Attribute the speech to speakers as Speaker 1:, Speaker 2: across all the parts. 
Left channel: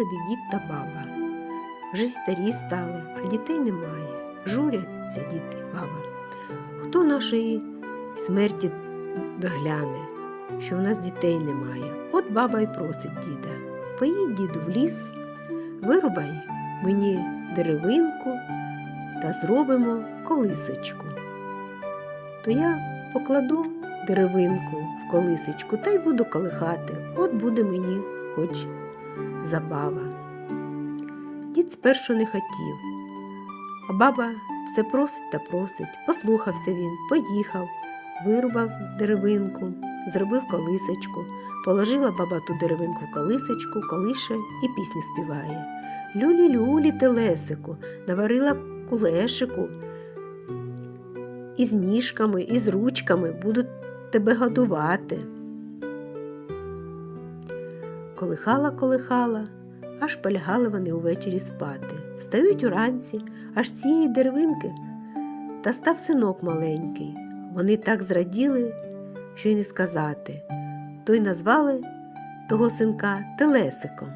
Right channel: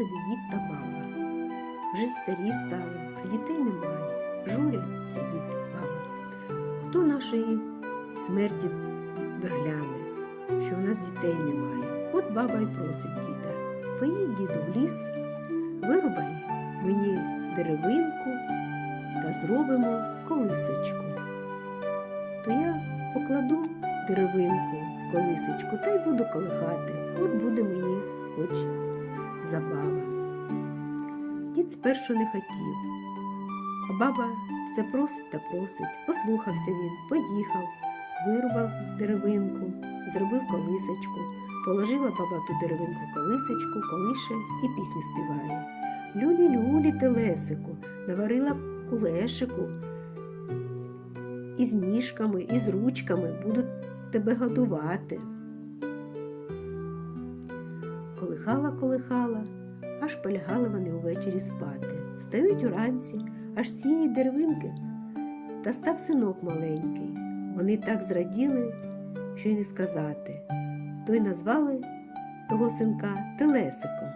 Speaker 1: Собі дід та баба. Вже старі стали, а дітей немає. Журяться дід і баба. Хто нашої смерті догляне, що в нас дітей немає? От баба й просить діда. Поїдь, діду, в ліс, вирубай мені деревинку та зробимо колисочку. То я покладу деревинку в колисочку та й буду колихати. От буде мені хоч забава. Дід спершу не хотів, а баба все просить та просить. Послухався він, поїхав, вирубав деревинку, зробив колисочку, положила баба ту деревинку в колисочку, колише і пісню співає. Люлі-люлі телесику, наварила кулешику. Із ніжками, і з ручками будуть тебе годувати. Колихала, колихала, аж полягали вони увечері спати. Встають уранці, аж цієї деревинки, та став синок маленький. Вони так зраділи, що й не сказати. То й назвали того синка Телесиком.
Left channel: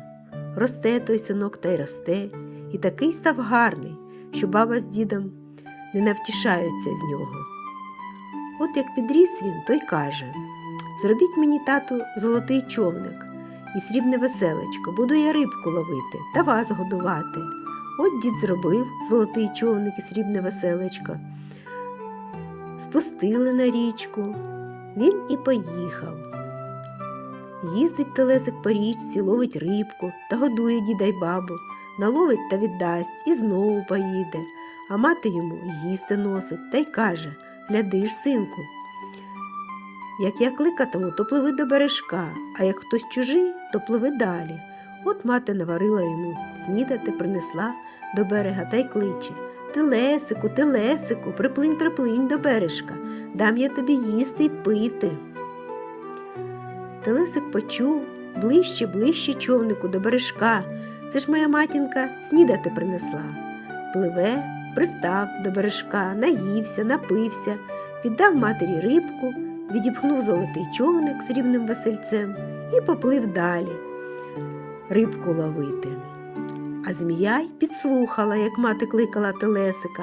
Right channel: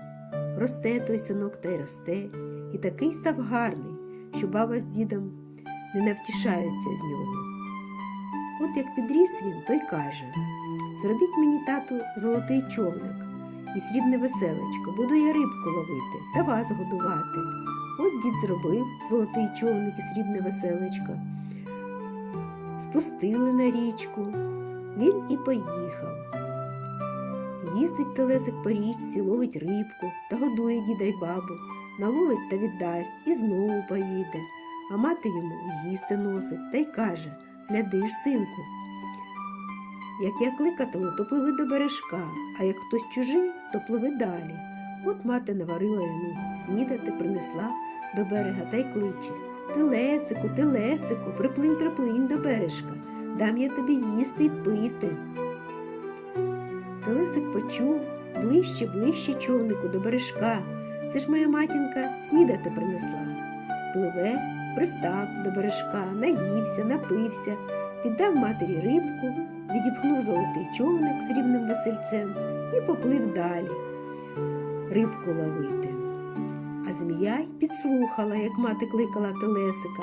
Speaker 1: Росте той синок та й росте, і такий став гарний, що баба з дідом не навтішаються з нього. От як підріс він, той каже Зробіть мені, тату, золотий човник і срібне веселечко, буду я рибку ловити та вас годувати. От дід зробив золотий човник і срібне веселечко. Спустили на річку, він і поїхав. Їздить телесик по річці, ловить рибку та годує діда й бабу, наловить та віддасть і знову поїде, а мати йому їсти носить та й каже Гляди ж, синку. Як я кликатиму, то пливи до бережка, а як хтось чужий, то пливи далі. От мати наварила йому снідати, принесла до берега та й кличе Телесику, телесику, приплинь, приплинь до бережка, дам я тобі їсти й пити. Телесик почув ближче, ближче човнику до бережка. Це ж моя матінка снідати принесла. Пливе, пристав до бережка, наївся, напився, віддав матері рибку, відіпхнув золотий човник з рівним весельцем і поплив далі рибку ловити. А змія й підслухала, як мати кликала телесика,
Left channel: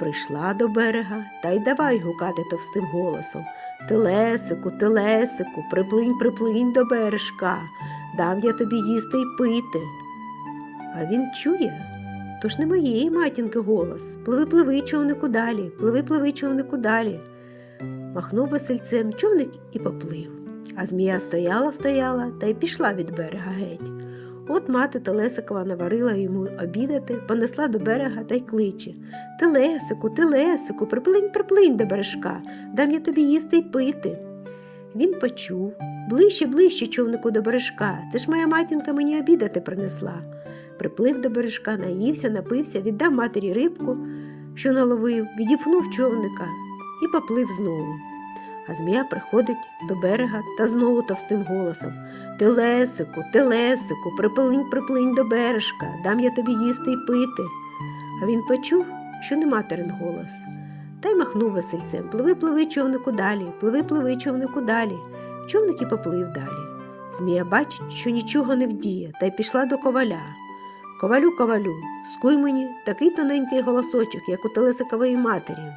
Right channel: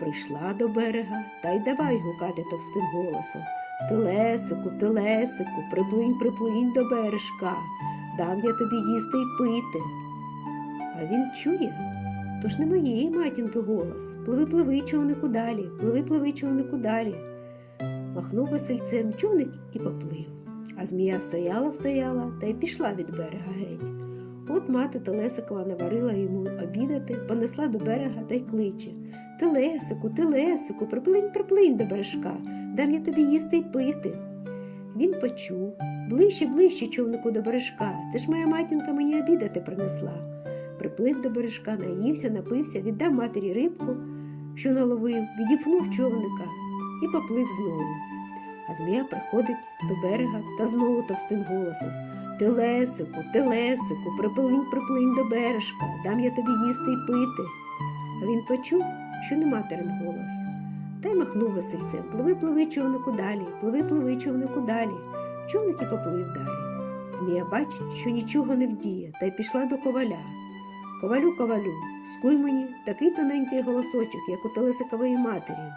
Speaker 1: прийшла до берега та й давай гукати товстим голосом. Телесику, телесику, приплинь, приплинь до бережка, дам я тобі їсти й пити. А він чує, то ж не моєї матінки голос. Пливи, пливи, човнику далі, пливи, пливи, човнику далі. Махнув весельцем човник і поплив. А змія стояла, стояла та й пішла від берега геть. От мати Телесикова наварила йому обідати, понесла до берега та й кличе Телесику, Телесику, приплинь, приплинь до бережка, дам я тобі їсти й пити. Він почув ближче, ближче човнику до бережка. Це ж моя матінка мені обідати принесла. Приплив до бережка, наївся, напився, віддав матері рибку, що наловив, відіпхнув човника і поплив знову. А змія приходить до берега та знову товстим голосом Телесику, телесику, приплинь, приплинь до бережка, дам я тобі їсти й пити. А він почув, що не материн голос, та й махнув весельцем Пливи, пливи, човнику далі, пливи, пливи, човнику далі. Човник і поплив далі. Змія бачить, що нічого не вдіє, та й пішла до коваля. Ковалю, ковалю, скуй мені такий тоненький голосочок, як у телесикової матері.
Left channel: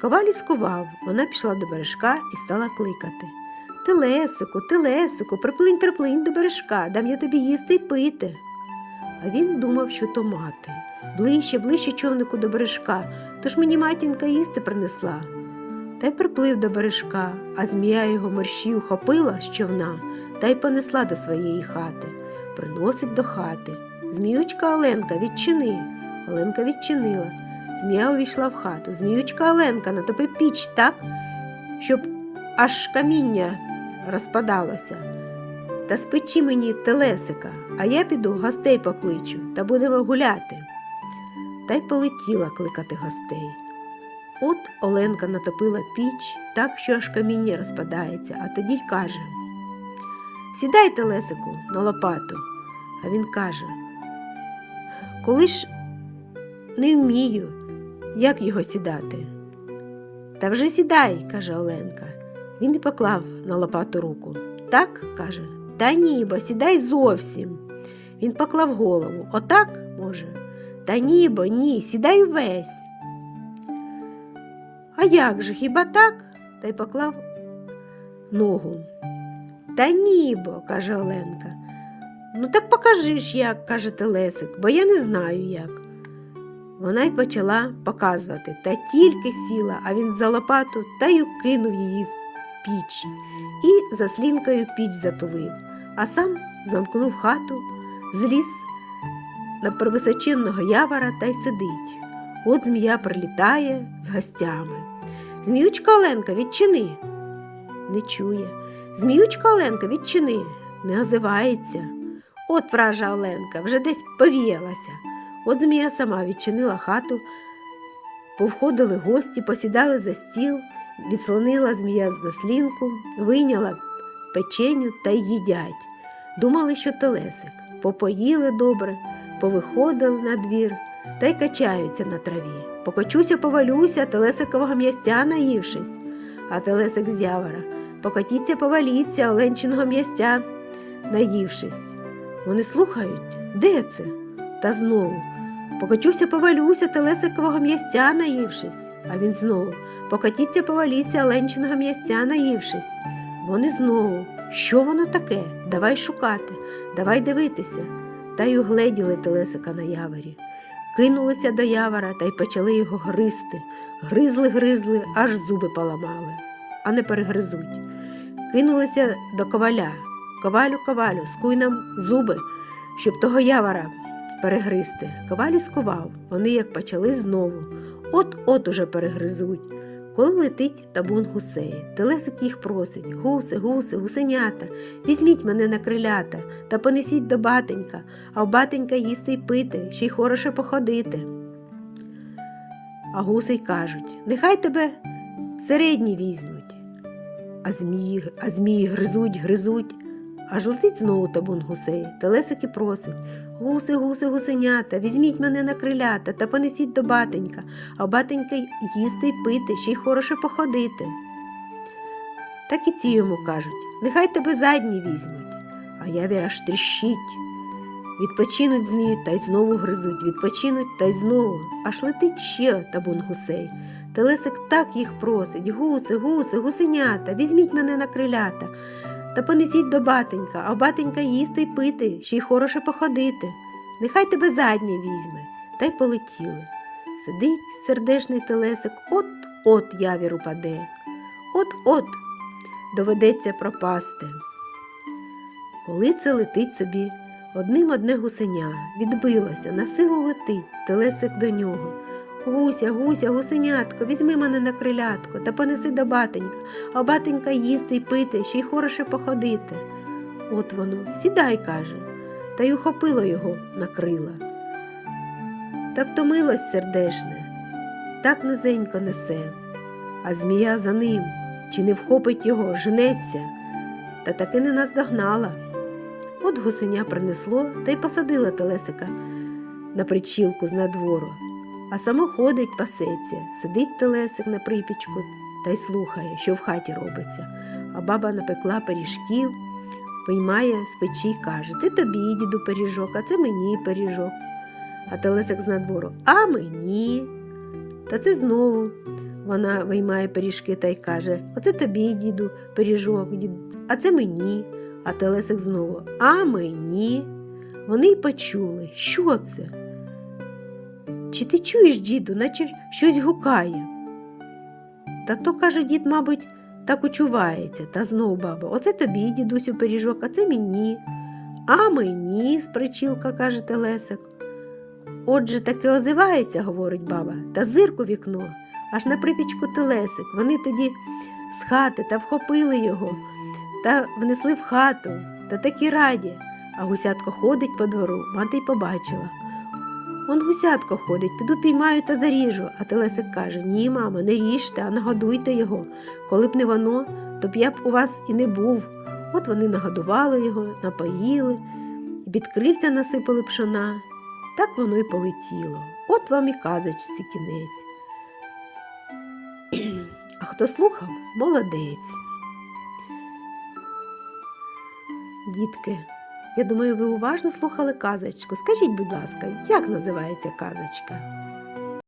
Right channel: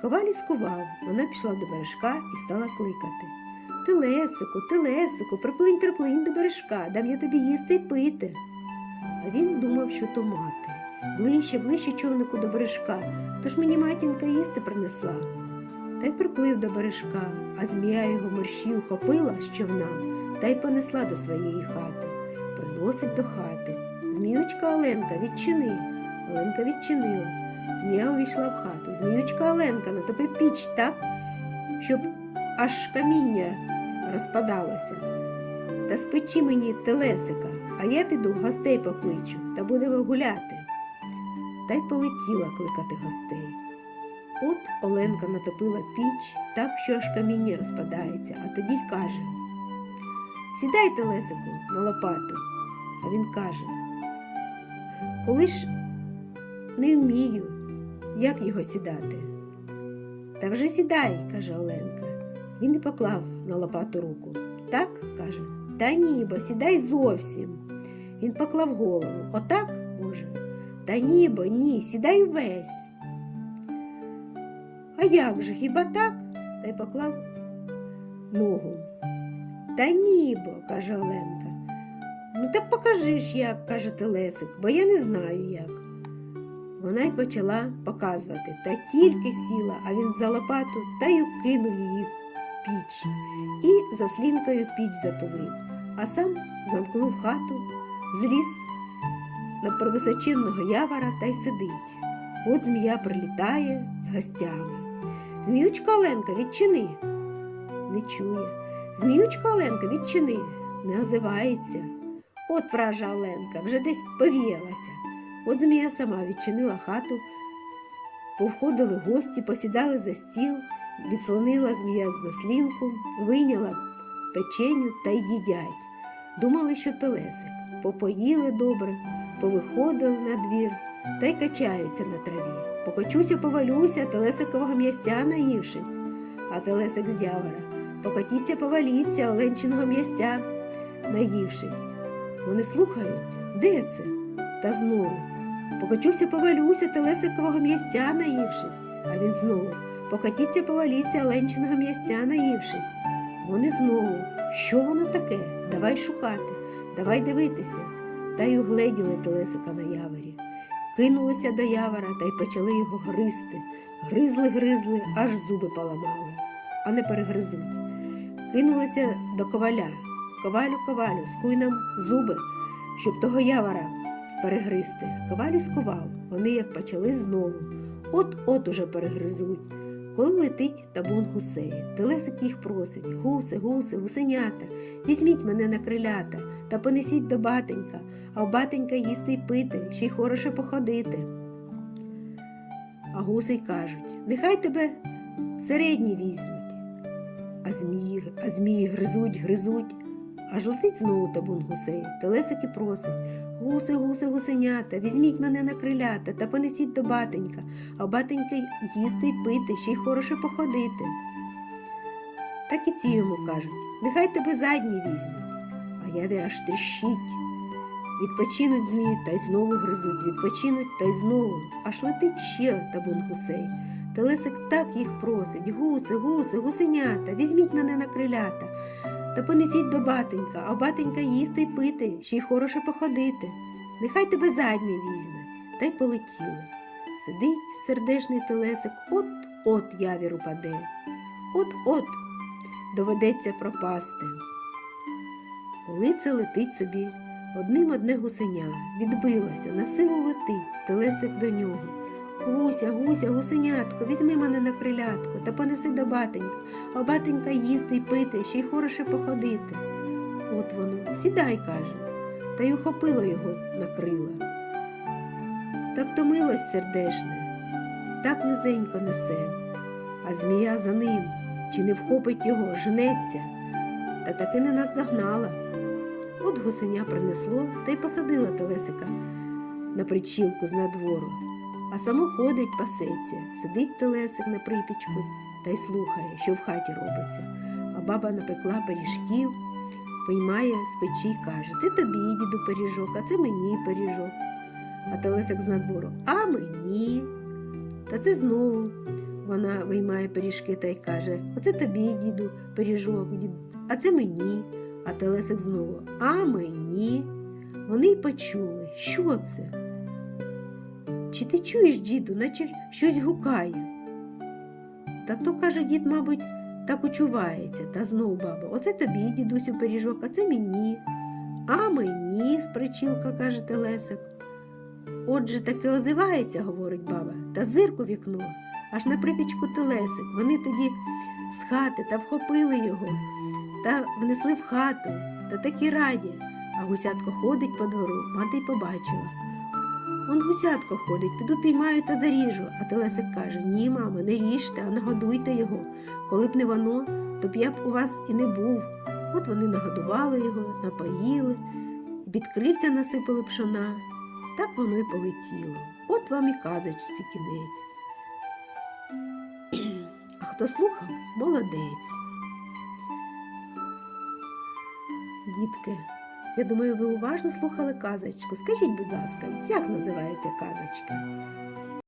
Speaker 1: Коваль скував, вона пішла до бережка і стала кликати. Телесику, телесику, приплинь, приплинь до бережка, дам я тобі їсти й пити. А він думав, що то мати. Ближче, ближче човнику до бережка, тож мені матінка їсти принесла. Та й приплив до бережка, а змія його мерщій ухопила з човна та й понесла до своєї хати. Приносить до хати. Зміючка Оленка, відчини. Оленка відчинила. Змія увійшла в хату. Зміючка Оленка, натопи піч так, щоб аж каміння розпадалося. Та спечи мені телесика, а я піду гостей покличу та будемо гуляти. Та й полетіла кликати гостей. От Оленка натопила піч так, що аж каміння розпадається, а тоді й каже Сідай, телесику, на лопату. А він каже Коли ж не вмію, як його сідати? Та вже сідай, каже Оленка. Він і поклав на лопату руку. Так, каже, та ні, бо сідай зовсім. Він поклав голову. Отак, може? Та ні, бо ні, сідай весь. А як же, хіба так? Та й поклав ногу. Та ні, бо, каже Оленка. Ну так покажи ж як, каже Телесик, бо я не знаю як. Вона й почала показувати, та тільки сіла, а він за лопату та й кинув її в піч і заслінкою піч затулив, а сам замкнув хату, зліз на височенного явора та й сидить. От змія прилітає з гостями. Зміючка Оленка, відчини. Не чує. Зміючка Оленка, відчини, не озивається. От вража Оленка, вже десь повіялася. От змія сама відчинила хату, повходили гості, посідали за стіл, відслонила змія заслінку, вийняла печеню та й їдять. Думали, що телесик. Попоїли добре, повиходили на двір та й качаються на траві. Покочуся, повалюся, телесикового м'ястя наївшись, а телесик з явора. Покотіться, поваліться, оленчиного м'ястя, наївшись. Вони слухають, де це? Та знову. Покочуся, повалюся, телесикового м'ястя наївшись. А він знову. Покотіться, поваліться, оленчиного м'ястя наївшись. Вони знову. Що воно таке? Давай шукати, давай дивитися. Та й угледіли телесика на яворі. Кинулися до явора та й почали його гризти. Гризли, гризли, аж зуби поламали, а не перегризуть. Кинулися до коваля. Ковалю, ковалю, скуй нам зуби, щоб того явора перегризти. Коваль скував. Вони як почали знову. От-от уже перегризуть. Коли летить табун гусей, телесик їх просить гуси, гуси, гусенята, візьміть мене на крилята та понесіть до батенька, а в батенька їсти й пити, ще й хороше походити. А гуси й кажуть нехай тебе середні візьмуть. А змії, а змії гризуть, гризуть. Аж летить знову табун гусей. Телесик і просить Гуси, гуси, гусенята, візьміть мене на крилята та понесіть до батенька, а батенька їсти й пити, ще й хороше походити. Так і ці йому кажуть нехай тебе задні візьмуть, а явір аж тріщить. Відпочинуть змію та й знову гризуть, відпочинуть та й знову, аж летить ще табун гусей. Телесик так їх просить гуси, гуси, гусенята, візьміть мене на крилята та понесіть до батенька, а в батенька їсти й пити, ще й хороше походити. Нехай тебе заднє візьме, та й полетіли. Сидить сердешний телесик, от-от явір упаде, от-от доведеться пропасти. Коли це летить собі, одним одне гусеня відбилося, на силу летить, телесик до нього. Гуся, гуся, гусенятко, візьми мене на крилятко та понеси до батенька, а батенька їсти й пити, ще й хороше походити. От воно, сідай, каже, та й ухопило його на крила. Та втомилось сердешне, так низенько несе, а змія за ним, чи не вхопить його, жнеться, та таки не наздогнала. От гусеня принесло та й посадила телесика на причілку з надвору а само ходить, пасеться, сидить телесик на припічку та й слухає, що в хаті робиться. А баба напекла пиріжків, виймає з печі й каже Це тобі, діду, пиріжок, а це мені пиріжок. А телесик з надвору А мені. Та це знову вона виймає пиріжки та й каже Оце тобі, діду, пиріжок, діду, а це мені. А телесик знову А мені. Вони й почули, що це. Чи ти чуєш, діду, наче щось гукає? Та то, каже дід, мабуть, так учувається, та знов баба, оце тобі, дідусю, пиріжок, а це мені. А мені, спричілка, каже Телесик. Отже, таки озивається, говорить баба, та зирку вікно, аж на припічку телесик. Вони тоді з хати та вхопили його та внесли в хату, та такі раді. А гусятко ходить по двору, мати й побачила. Он гусятко ходить, піду піймаю та заріжу. А Телесик каже Ні, мамо, не ріжте, а нагодуйте його. Коли б не воно, то б я б у вас і не був. От вони нагодували його, напоїли, під крильця насипали пшона. Так воно й полетіло. От вам і казочці кінець. А хто слухав, молодець. Дітки, Я думаю, ви уважно слухали казочку. Скажіть, будь ласка, як називається казочка?